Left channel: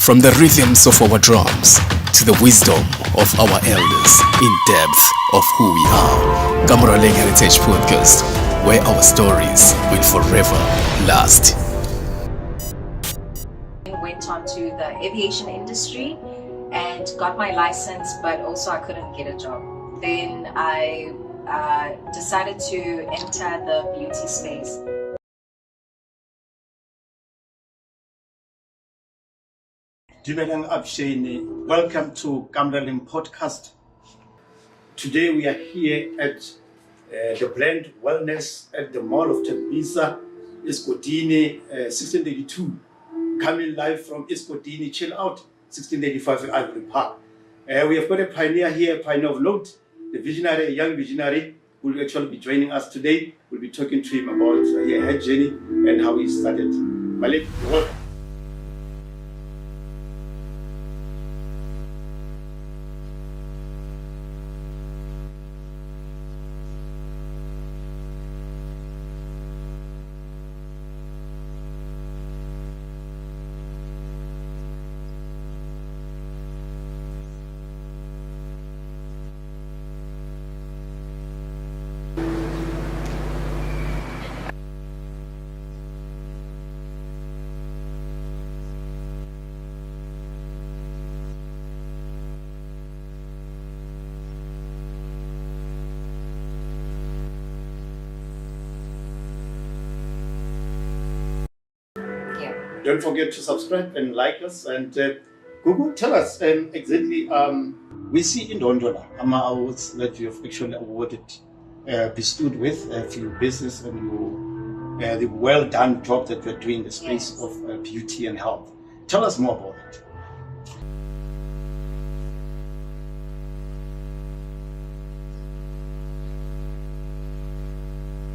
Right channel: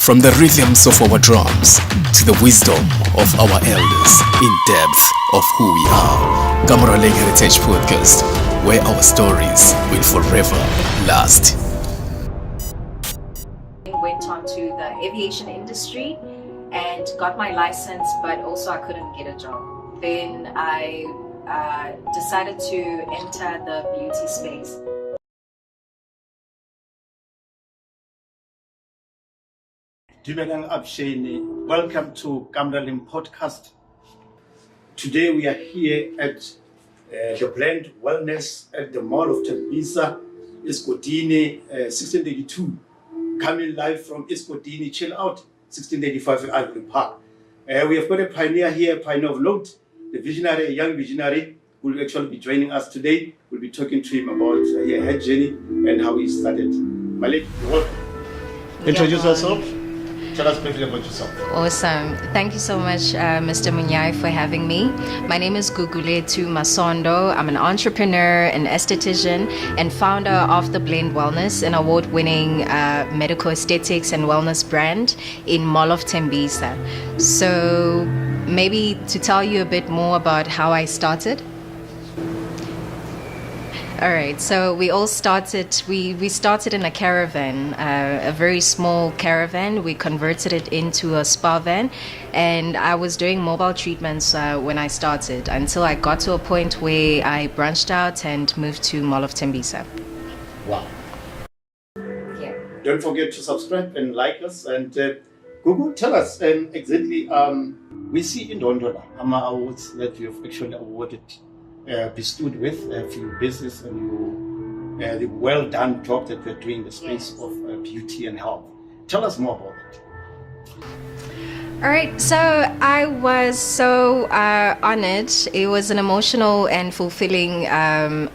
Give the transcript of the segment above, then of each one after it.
From the rhythms of our drums to the wisdom of our elders, in depth of who we are. Kamoraleng Heritage Podcast, where our stories will forever last. Went on to the aviation industry and got my license, but also I couldn't get a job. Then I decided to enter the beauty space. Dumelang Abshane, welcome to Kamoraleng Podcast. Today we are here at the Blend Wellness at the Mall of Tembisa, Escotini, 1682. Coming live from Escotini, chill out, 1685 Ivory Park. We have got a pioneer here, a pioneer of note, the visionary, a young visionary, who will actually be joining us today. We'll be talking to him about her journey and how he started. Malik, you're welcome. Introduce yourself. Tell us briefly about yourself. Awesome. Thank you so much, Mr. Monyai, for having me. My name is Guguletu Masondo. I'm an entrepreneur, an esthetician, and founder of the Blend Wellness, an award-winning medical aesthetics and wellness brand in Mall of Tembisa. So maybe to tell you a bit more about how I started. All right, so we started in a caravan, a very small caravan. We converted it into a spa van, and I was doing mobile treatments when I started until I got to a point where I branched out and moved to Mall of Tembisa. Wow. Yeah. Don't forget to subscribe and like us. And Gugu, tell us exactly, we see in Dondola, AMA awards that you have actually awarded, bestowed with for your business and the well done job that you're doing in the space of beauty and health. Tell us more about it. All right, so I was so honored. It was an emotional and fulfilling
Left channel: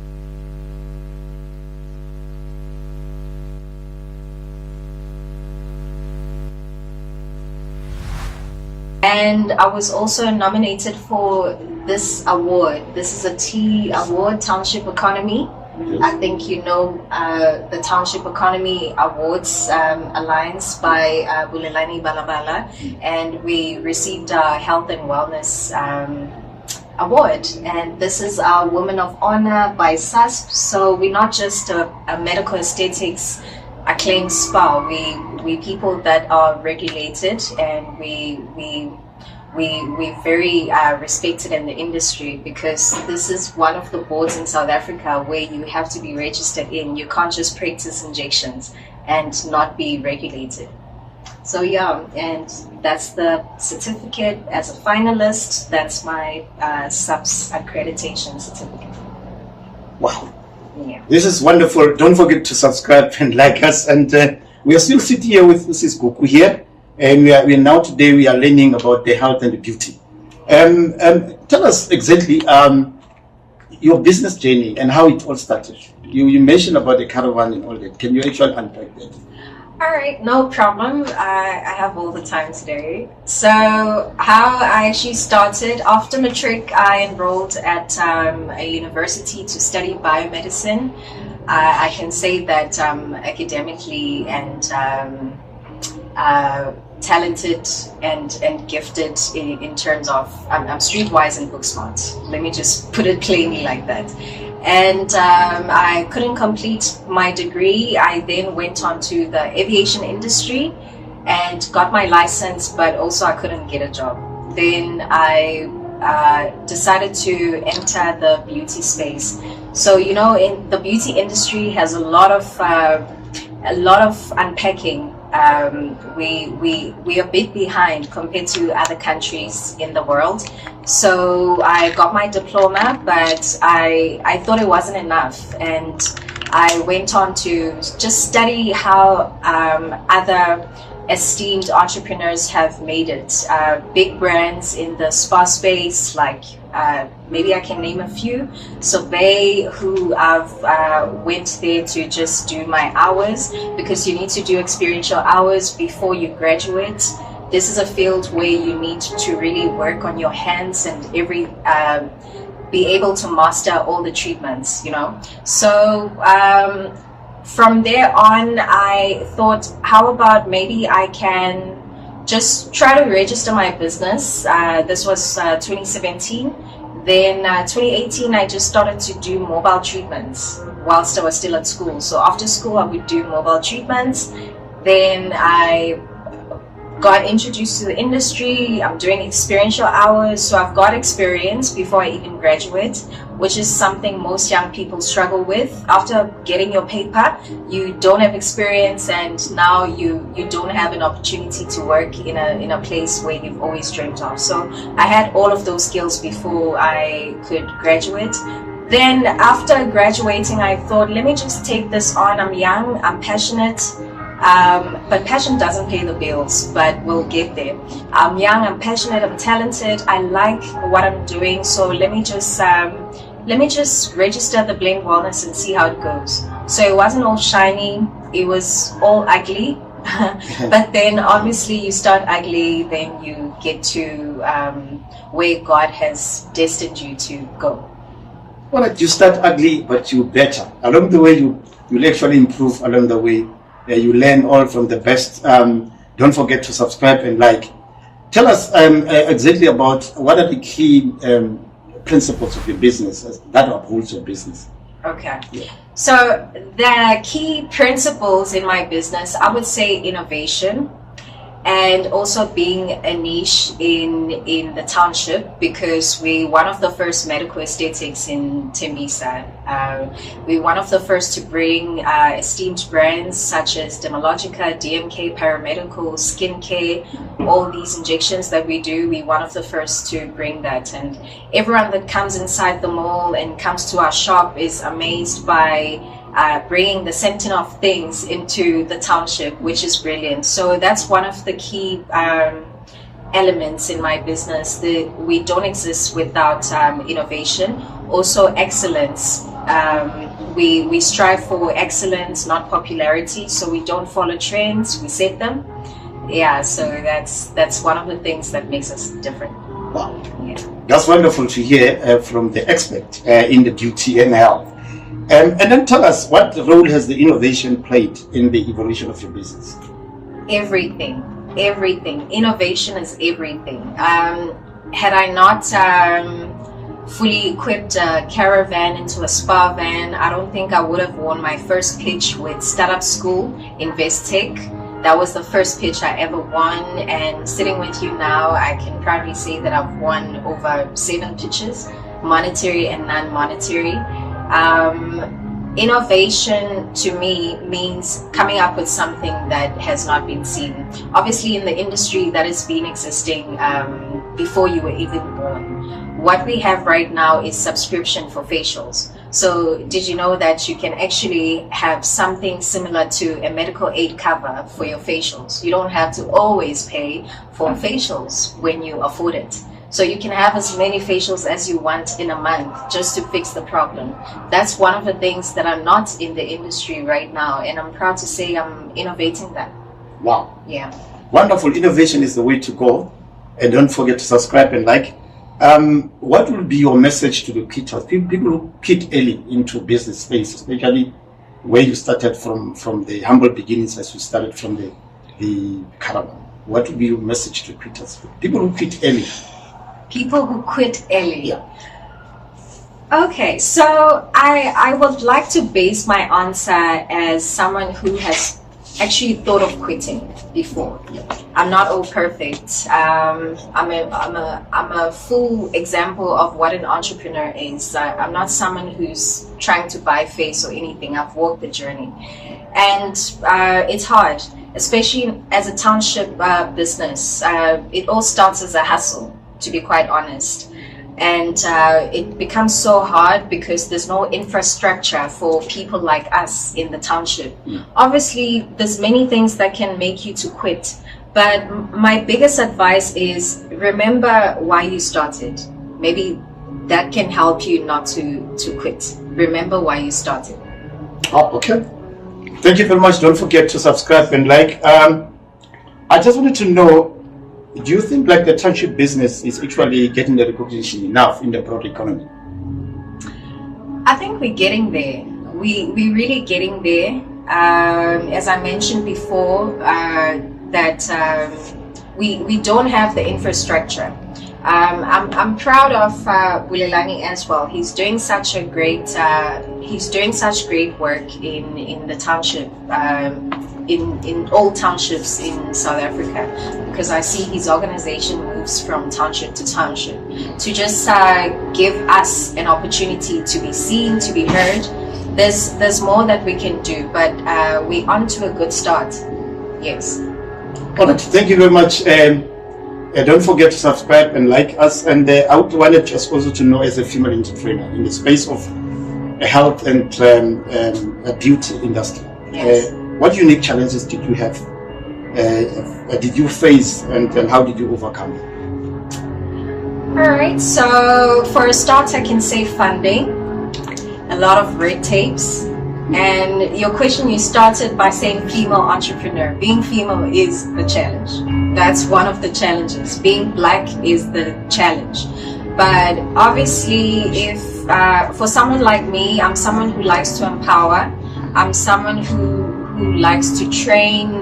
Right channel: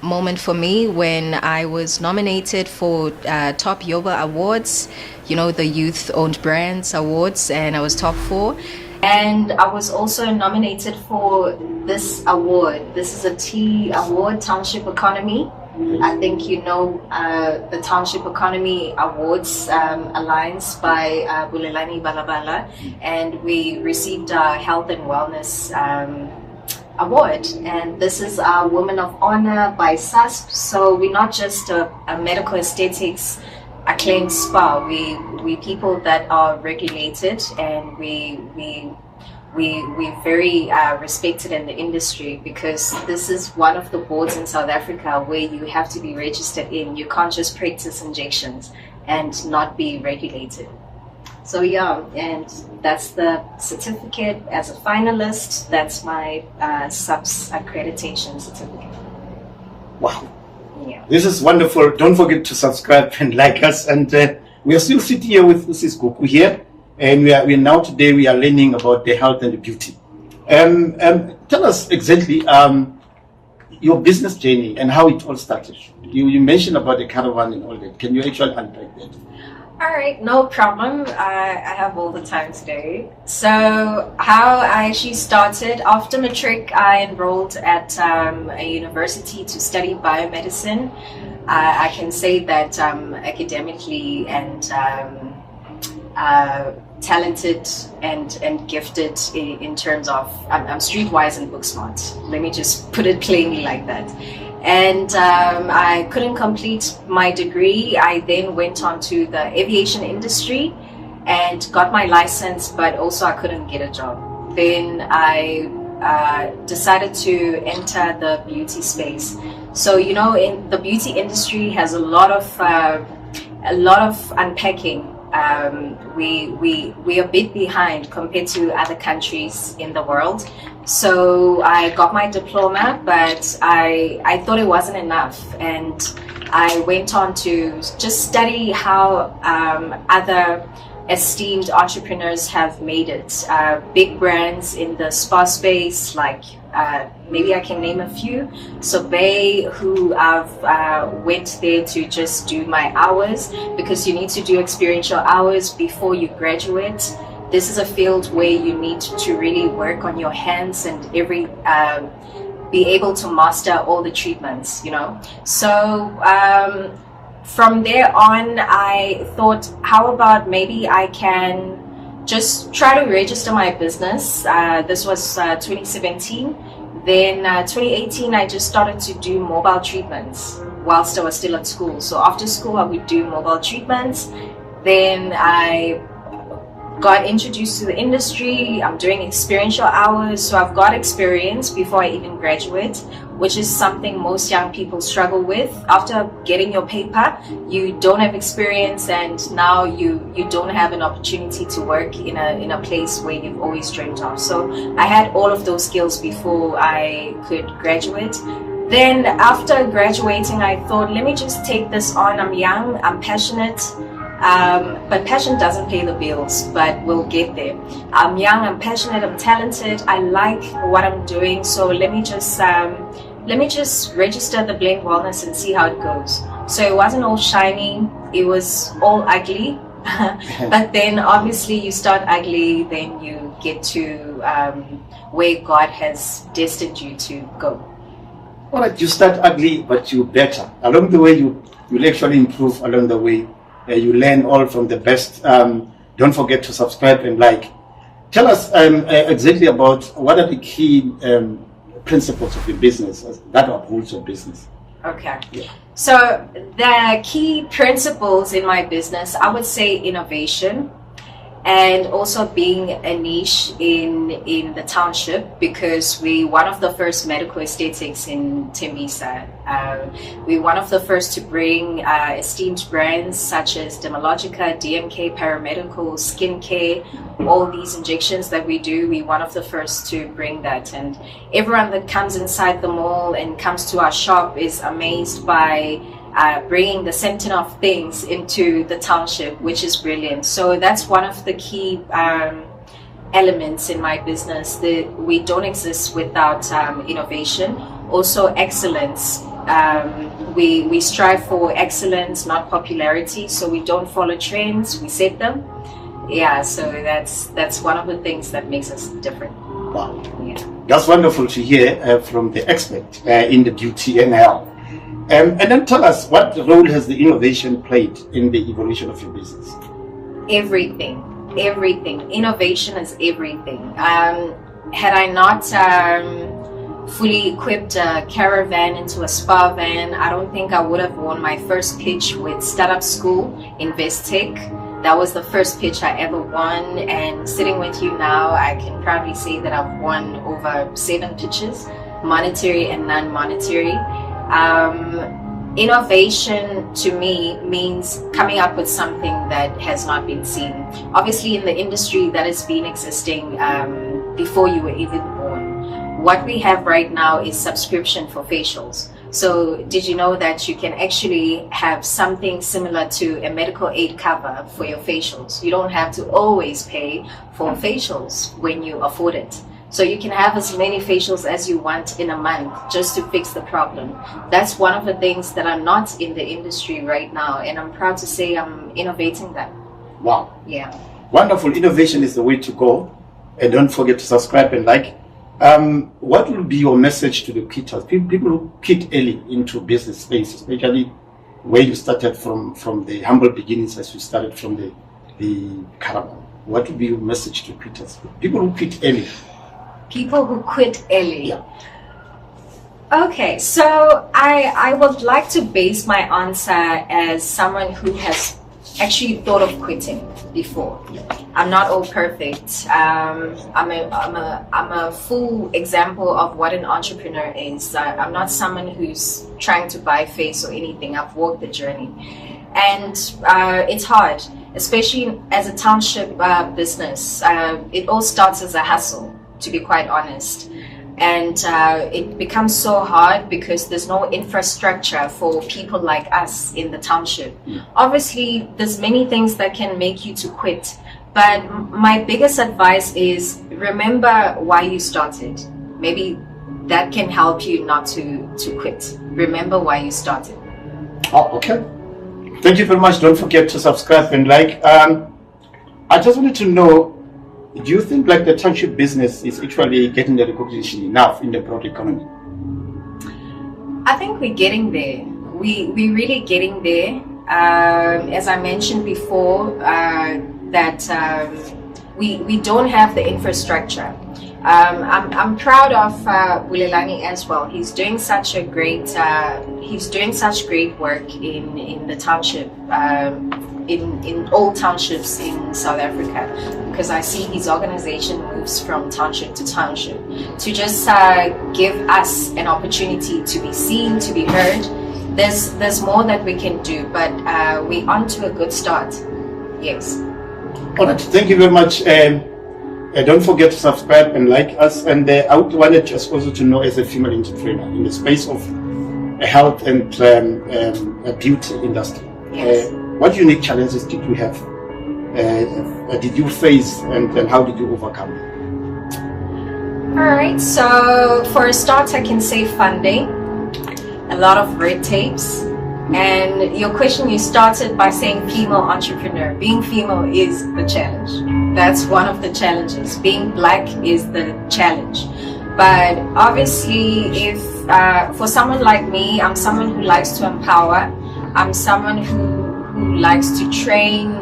moment for me when I was nominated for Top Yoba Awards, you know, the Youth Owned Brands Awards, and I was top 4. And I was also nominated for this award. This is a T award, Township Economy. I think you know the Township Economy Awards Alliance by Bulelani Balabala, and we received our Health and Wellness Award. And this is our Women of Honor by SASP. So we're not just a medical aesthetics acclaimed spa. We people that are regulated, and we very respected in the industry, because this is one of the boards in South Africa where you have to be registered in. You can't just practice injections and not be regulated. So yeah, and that's the certificate as a finalist. That's my SUPS accreditation certificate. Wow. Yeah. This is wonderful. Don't forget to subscribe and like us. And we are still sitting here with Mrs. Goku here. And we are now today we are learning about the health and the beauty. Tell us exactly your business journey and how it all started. You mentioned about the caravan and all that. Can you actually unpack that? All right, no problem. I have all the time today. So how I actually started, after matric, I enrolled at a university to study biomedicine. I can say that academically and talented and gifted in terms of I'm streetwise and book smart. Let me just put it plainly like that. And I couldn't complete my degree. I then went on to the aviation industry and got my license, but also I couldn't get a job. Then I decided to enter the beauty space. So you know, in the beauty industry has a lot of unpacking. We are a bit behind compared to other countries in the world. So I got my diploma, but I thought it wasn't enough, and I went on to just study how other esteemed entrepreneurs have made it. Big brands in the spa space, like maybe I can name a few. So they who I've went there to just do my hours, because you need to do experiential hours before you graduate. This is a field where you need to really work on your hands and be able to master all the treatments, you know. So from there on, I thought, how about maybe I can just try to register my business. This was 2017. Then 2018, I just started to do mobile treatments whilst I was still at school. So after school, I would do mobile treatments. Then I got introduced to the industry. I'm doing experiential hours, so I've got experience before I even graduate, which is something most young people struggle with. After getting your paper, you don't have experience, and now you don't have an opportunity to work in a place where you've always dreamt of. So I had all of those skills before I could graduate. Then after graduating, I thought, let me just take this on. I'm young, I'm passionate. But passion doesn't pay the bills, but we'll get there. I'm young, I'm passionate, I'm talented, I like what I'm doing, so let me just register the Blend Wellness and see how it goes. So it wasn't all shiny, it was all ugly. But then obviously you start ugly, then you get to where God has destined you to go. Well, you start ugly, but you better. Along the way, you'll actually improve along the way. You learn all from the best. Don't forget to subscribe and like. Tell us exactly about what are the key principles of your business that upholds your business. Okay. Yeah. So the key principles in my business, I would say innovation, and also being a niche in the township, because we're one of the first medical aesthetics in Tembisa. We're one of the first to bring esteemed brands such as Dermalogica, DMK, Paramedical, Skincare, all these injections that we do. We're one of the first to bring that, and everyone that comes inside the mall and comes to our shop is amazed by bringing the center of things into the township, which is brilliant. So that's one of the key elements in my business. We don't exist without innovation. Also excellence. We strive for excellence, not popularity. So we don't follow trends, we set them. Yeah, so that's one of the things that makes us different. Wow. Yeah. That's wonderful to hear from the expert in the beauty and health. And then tell us, what role has the innovation played in the evolution of your business? Everything. Innovation is everything. Had I not fully equipped a caravan into a spa van, I don't think I would have won my first pitch with Startup School, Investec. That was the first pitch I ever won, and sitting with you now, I can proudly say that I've won over 7 pitches, monetary and non-monetary. Innovation to me means coming up with something that has not been seen. Obviously in the industry that has been existing before you were even born. What we have right now is subscription for facials. So did you know that you can actually have something similar to a medical aid cover for your facials? You don't have to always pay for facials when you afford it. So you can have as many facials as you want in a month just to fix the problem. That's one of the things that are not in the industry right now, and I'm proud to say I'm innovating that. Wow. Yeah. Wonderful. Innovation is the way to go. And don't forget to subscribe and like. What will be your message to the quitters, people who quit early into business space, especially where you started from the humble beginnings as you started from the caravan? What will be your message to quitters, people who quit early? People who quit early. Yeah. Okay, so I would like to base my answer as someone who has actually thought of quitting before. I'm not all perfect. I'm a full example of what an entrepreneur is. I'm not someone who's trying to buy face or anything. I've walked the journey, and it's hard, especially as a township business. It all starts as a hustle, to be quite honest, and it becomes so hard because there's no infrastructure for people like us in the township. Obviously there's many things that can make you to quit, but my biggest advice is remember why you started. Maybe that can help you not to quit. Remember why you started. Oh, okay. Thank you very much. Don't forget to subscribe and like. I just wanted to know, do you think like the township business is actually getting the recognition enough in the broad economy? I think we're getting there. We're really getting there. As I mentioned before, that we don't have the infrastructure. I'm proud of Bulelangi as well. He's doing such great work in the township, in all townships in South Africa, because I see his organization moves from township to township to just give us an opportunity to be seen, to be heard. There's more that we can do, but we're on to a good start. Yes. All right, thank you very much. Don't forget to subscribe and like us. And I wanted just also to know, as a female entrepreneur in the space of health and beauty industry, Yes. what unique challenges did you have? Did you face, and how did you overcome? All right. So for a start, I can say funding, a lot of red tapes. And your question, you started by saying female entrepreneur. Being female is the challenge. That's one of the challenges. Being black is the challenge. But obviously, if for someone like me, I'm someone who likes to empower. I'm someone who likes to train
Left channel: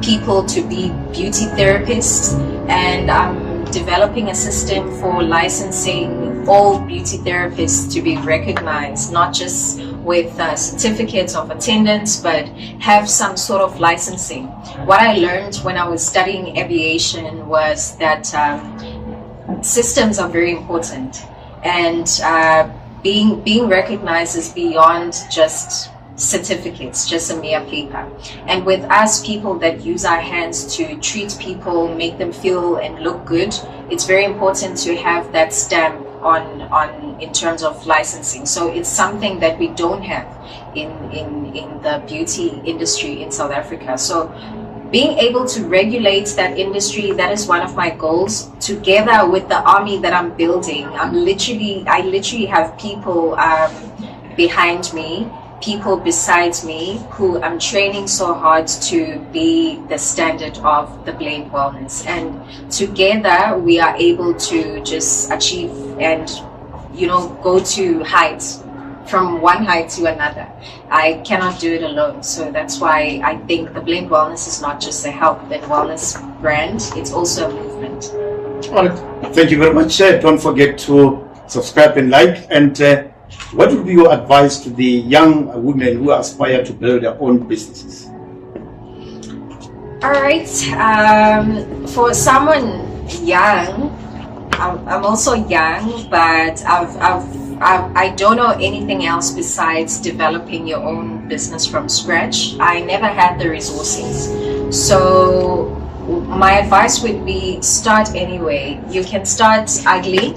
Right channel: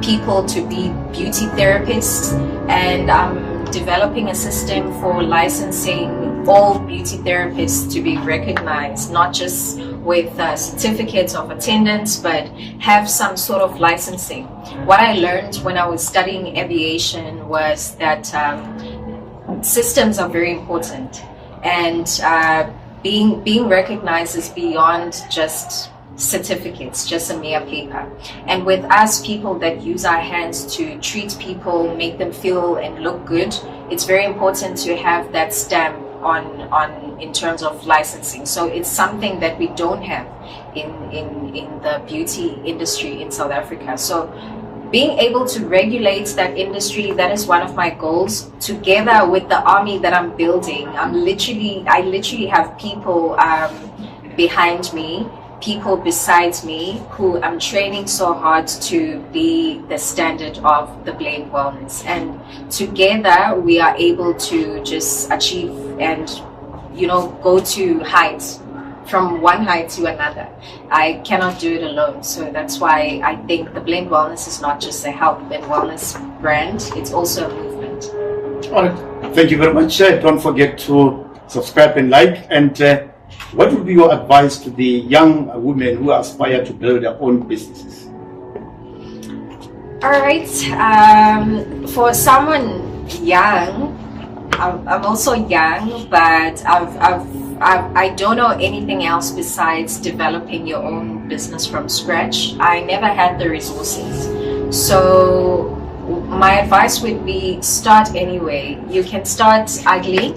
people to be beauty therapists, and I'm developing a system for licensing all beauty therapists to be recognized, not just with certificates of attendance, but have some sort of licensing. What I learned when I was studying aviation was that systems are very important, and being recognized is beyond just certificates, just a mere paper. And with us, people that use our hands to treat people, make them feel and look good, it's very important to have that stamp on in terms of licensing. So it's something that we don't have in the beauty industry in South Africa. So being able to regulate that industry, that is one of my goals. Together with the army that I'm building, I literally have people behind me, people besides me, who I'm training so hard to be the standard of the Blend Wellness. And together we are able to just achieve and, go to heights, from one height to another. I cannot do it alone. So that's why I think the Blend Wellness is not just a health and wellness brand, it's also a movement. All right, thank you very much. Don't forget to subscribe and like. And what would be your advice to the young women who aspire to build their own businesses? All right, for someone young, I'm also young, but I don't know anything else besides developing your own business from scratch. I never had the resources. So my advice would be, start anyway. You can start ugly.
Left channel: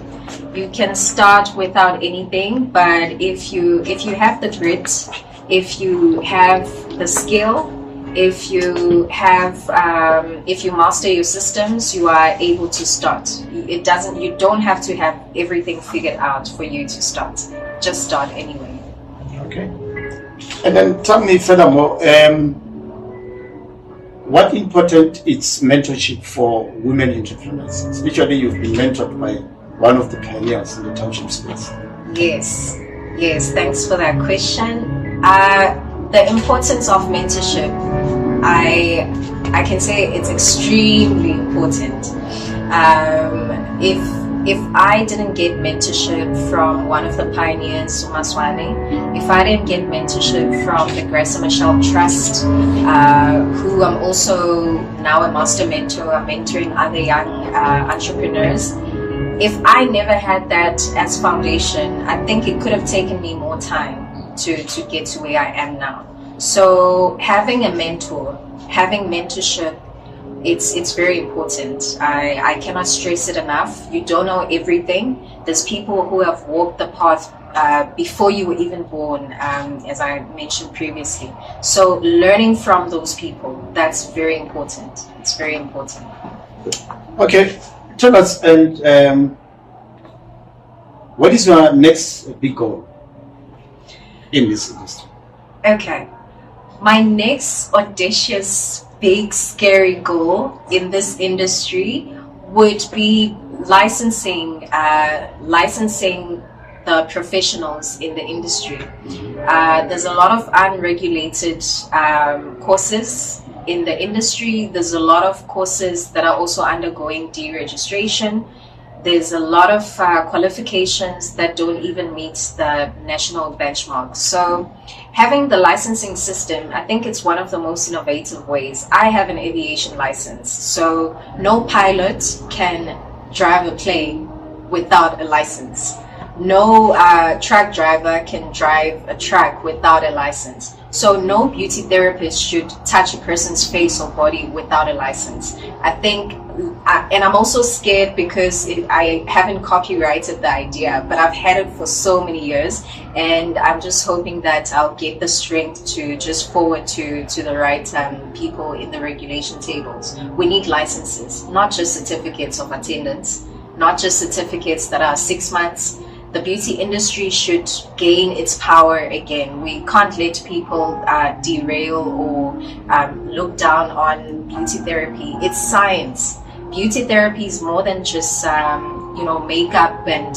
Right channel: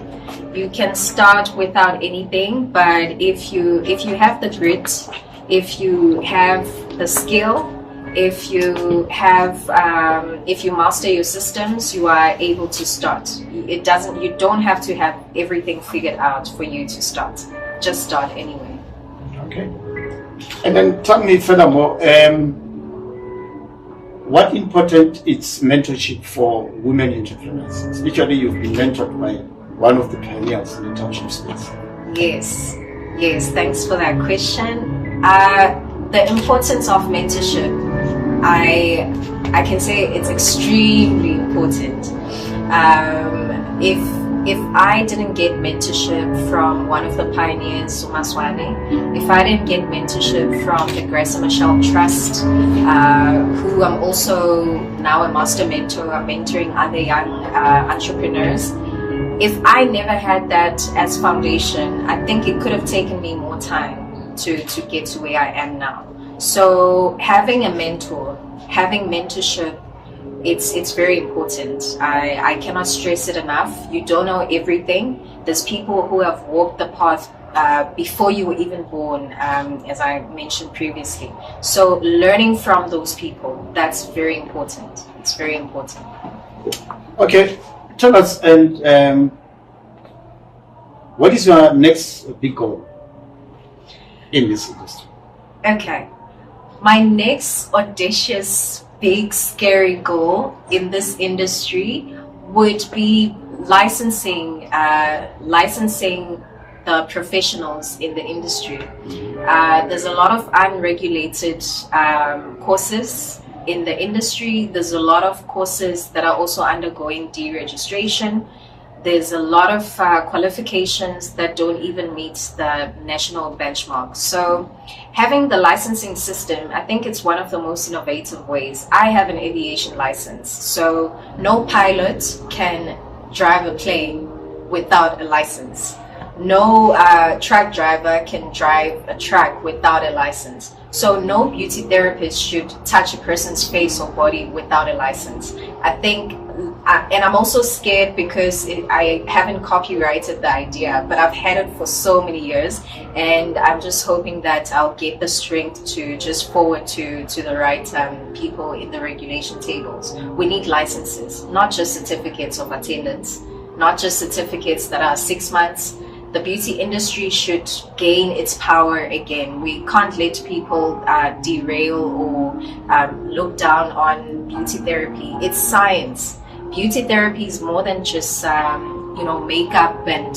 You can start without anything, but if you have the grit, if you have the skill, if you master your systems, you are able to start. You don't have to have everything figured out for you to start. Just start anyway. Okay. And then tell me furthermore, what important is mentorship for women entrepreneurs? Especially you've been mentored by one of the pioneers in the township space. Yes, thanks for that question. The importance of mentorship, I can say it's extremely important. If I didn't get mentorship from one of the pioneers, Umaswane, if I didn't get mentorship from the Grace and Michelle Trust, who I'm also now a master mentor, I'm mentoring other young entrepreneurs. If I never had that as foundation, I think it could have taken me more time to get to where I am now. So having a mentor, having mentorship, it's very important. I cannot stress it enough. You don't know everything. There's people who have walked the path before you were even born, as I mentioned previously. So learning from those people, that's very important. It's very important. Okay, tell us, and what is your next big goal in this industry? Okay, my next audacious, big, scary goal in this industry would be licensing the professionals in the industry. There's a lot of unregulated courses in the industry. There's a lot of courses that are also undergoing deregistration. There's a lot of qualifications that don't even meet the national benchmark. So having the licensing system, I think it's one of the most innovative ways. I have an aviation license, so no pilot can drive a plane without a license. No truck driver can drive a truck without a license. So no beauty therapist should touch a person's face or body without a license. I think, and I'm also scared because I haven't copyrighted the idea, but I've had it for so many years, and I'm just hoping that I'll get the strength to just forward to the right people in the regulation tables. We need licenses, not just certificates of attendance, not just certificates that are 6 months. The beauty industry should gain its power again. We can't let people derail or look down on beauty therapy. It's science. Beauty therapy is more than just makeup and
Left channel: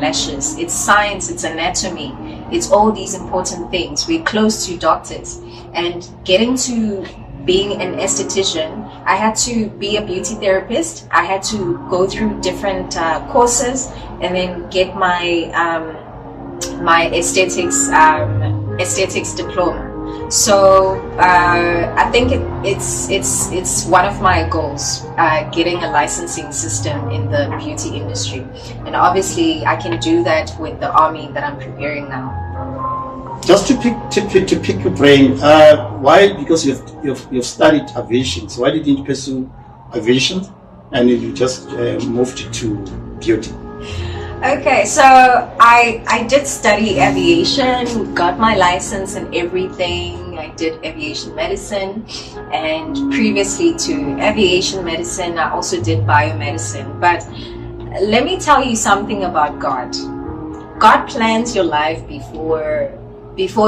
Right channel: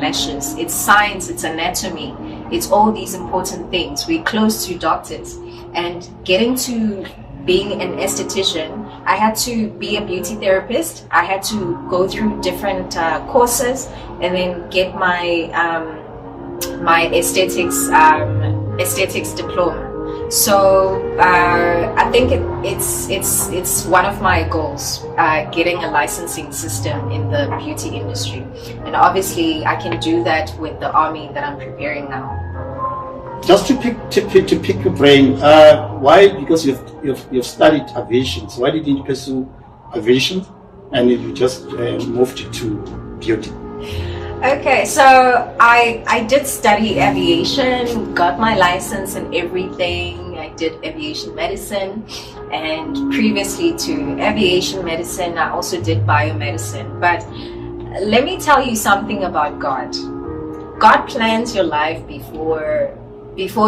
lashes. It's science, it's anatomy, it's all these important things. We're close to doctors, and getting to being an esthetician, I had to be a beauty therapist. I had to go through different courses and then get my my aesthetics diploma. So I think it's one of my goals, getting a licensing system in the beauty industry, and obviously I can do that with the army that I'm preparing now. Just to pick your brain, why? Because you've studied aviation. So why did you pursue aviation, and then you just moved to beauty? Okay, so I did study aviation, got my license and everything. I did aviation medicine, and previously to aviation medicine, I also did biomedicine. But let me tell you something about God. God plans your life before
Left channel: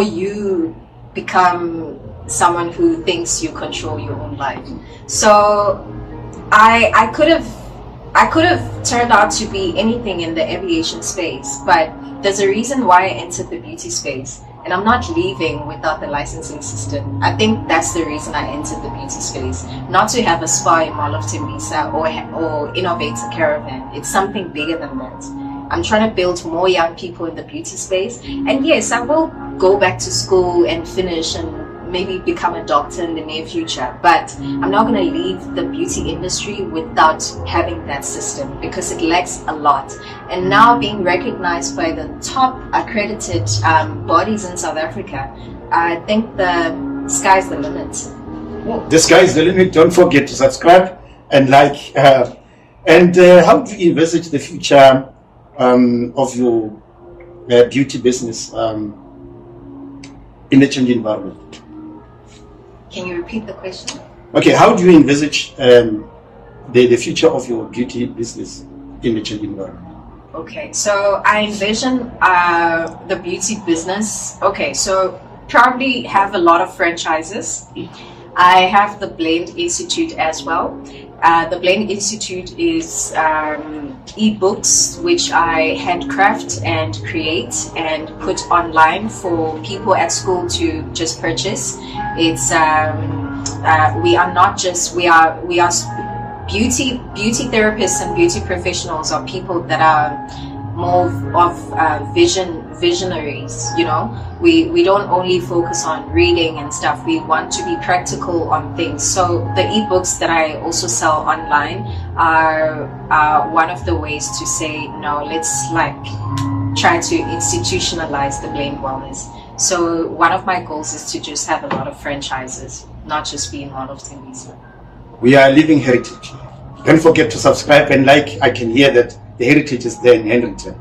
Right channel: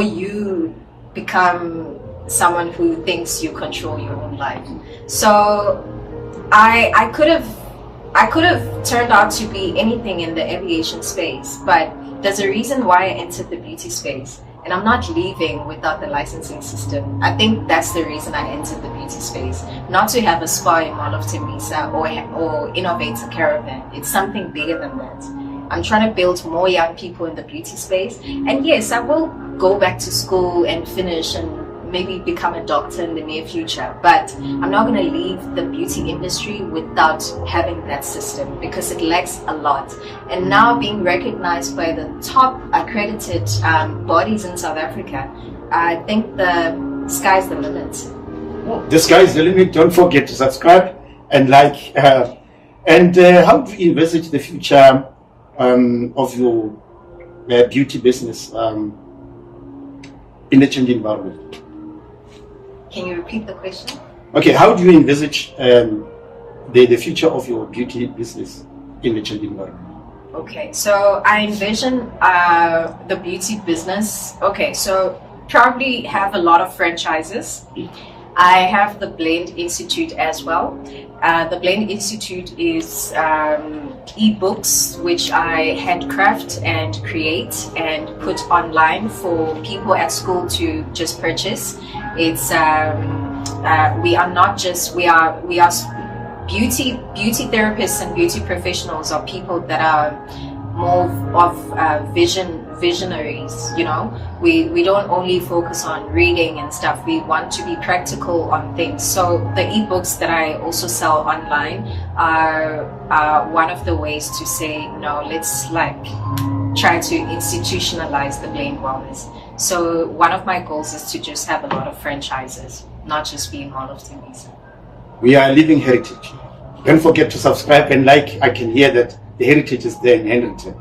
you become someone who thinks you control your own life. So I could have turned out to be anything in the aviation space, but there's a reason why I entered the beauty space, and I'm not leaving without the licensing system. I think that's the reason I entered the beauty space, not to have a spa in Mall of Tembisa or innovate a caravan. It's something bigger than that. I'm trying to build more young people in the beauty space, and yes, I will go back to school and finish and maybe become a doctor in the near future, but I'm not going to leave the beauty industry without having that system, because it lacks a lot. And now being recognized by the top accredited bodies in South Africa, I think the sky's the limit. The sky's the limit. Don't forget to subscribe and like. How do you envisage the future of your beauty business in the changing environment? Can you repeat the question? Okay, how do you envisage the future of your beauty business in the changing environment? Okay, so I envision the beauty business. Okay, so probably have a lot of franchises. I have the Blend Institute as well. The Blend Institute is e-books which I handcraft and create and put online for people at school to just purchase. It's we are beauty therapists and beauty professionals are people that are more of visionaries, you know. We don't only focus on reading and stuff. We want to be practical on things. So the ebooks that I also sell online are one of the ways to say, no, let's like try to institutionalize the Blend Wellness. So one of my goals is to just have a lot of franchises, not just be in Mall of Tembisa. We are living heritage. Don't forget to subscribe and like. I can hear that the heritage is there in Hendrington.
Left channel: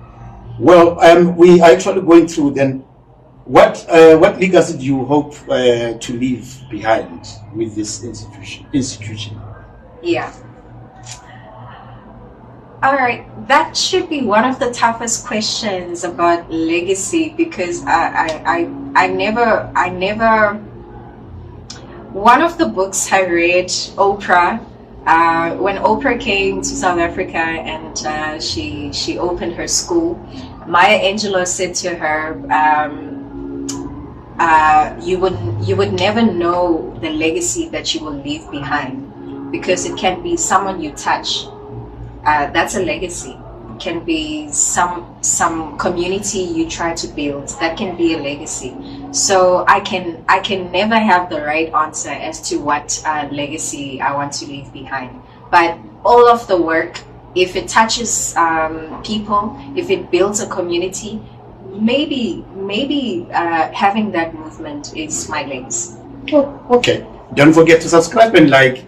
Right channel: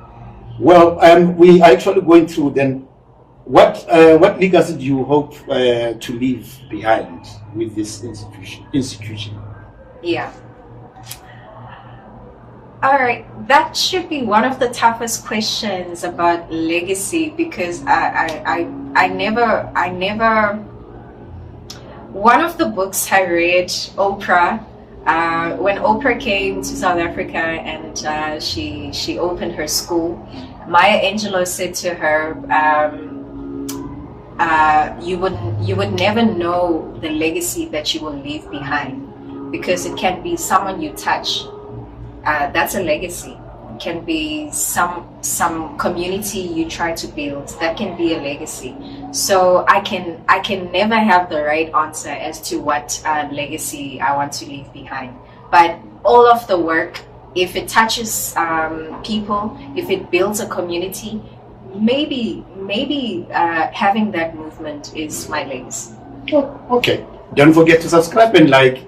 Well, we are actually going through then what legacy do you hope to leave behind with this institution? Yeah. All right, that should be one of the toughest questions about legacy, because I never. One of the books I read, Oprah, When Oprah came to South Africa and she opened her school, Maya Angelou said to her, you would never know the legacy that you will leave behind, because it can be someone you touch. That's a legacy. It can be some community you try to build. That can be a legacy. So I can never have the right answer as to what legacy I want to leave behind. But all of the work, if it touches people, if it builds a community, maybe having that movement is my legacy. Oh, okay. Don't forget to subscribe and like.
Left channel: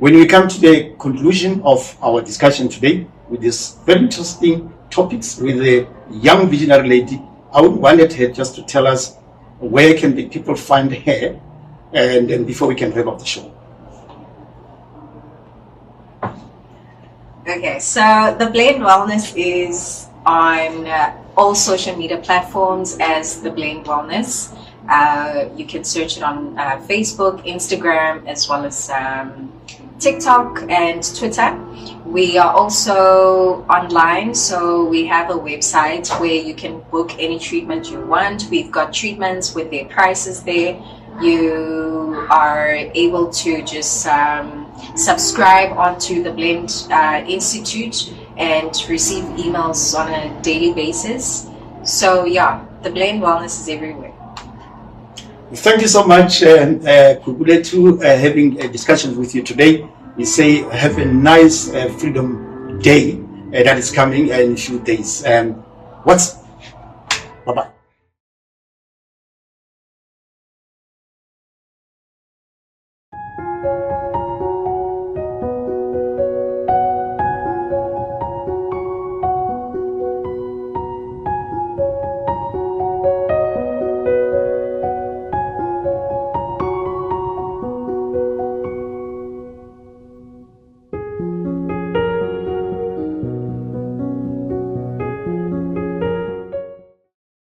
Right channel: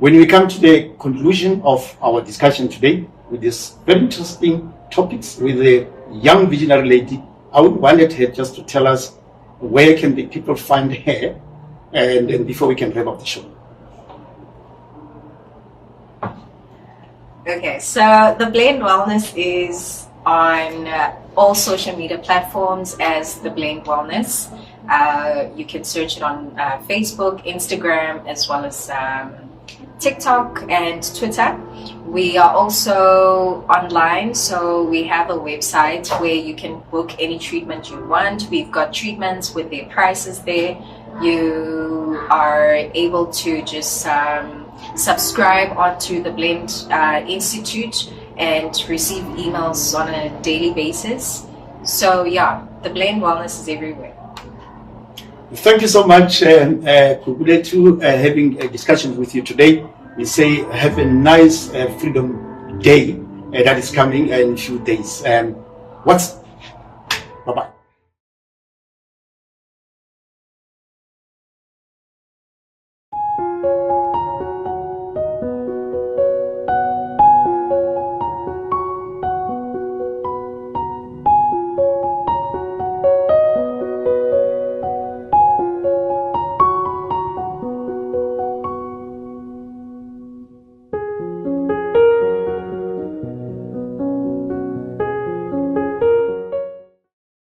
When we come to the conclusion of our discussion today with this very interesting topics with a young visionary lady, I would wanted her just to tell us where can the people find her, and before we can wrap up the show. Okay, so The Blend Wellness is on all social media platforms as The Blend Wellness. You can search it on Facebook, Instagram, as well as TikTok and Twitter. We are also online, so we have a website where you can book any treatment you want. We've got treatments with their prices there. You are able to just subscribe onto the Blend Institute and receive emails on a daily basis. So yeah, The Blend Wellness is everywhere. Thank you so much, Kukuletu, having a discussion with you today. We say have a nice Freedom Day that is coming in a few days. Bye-bye.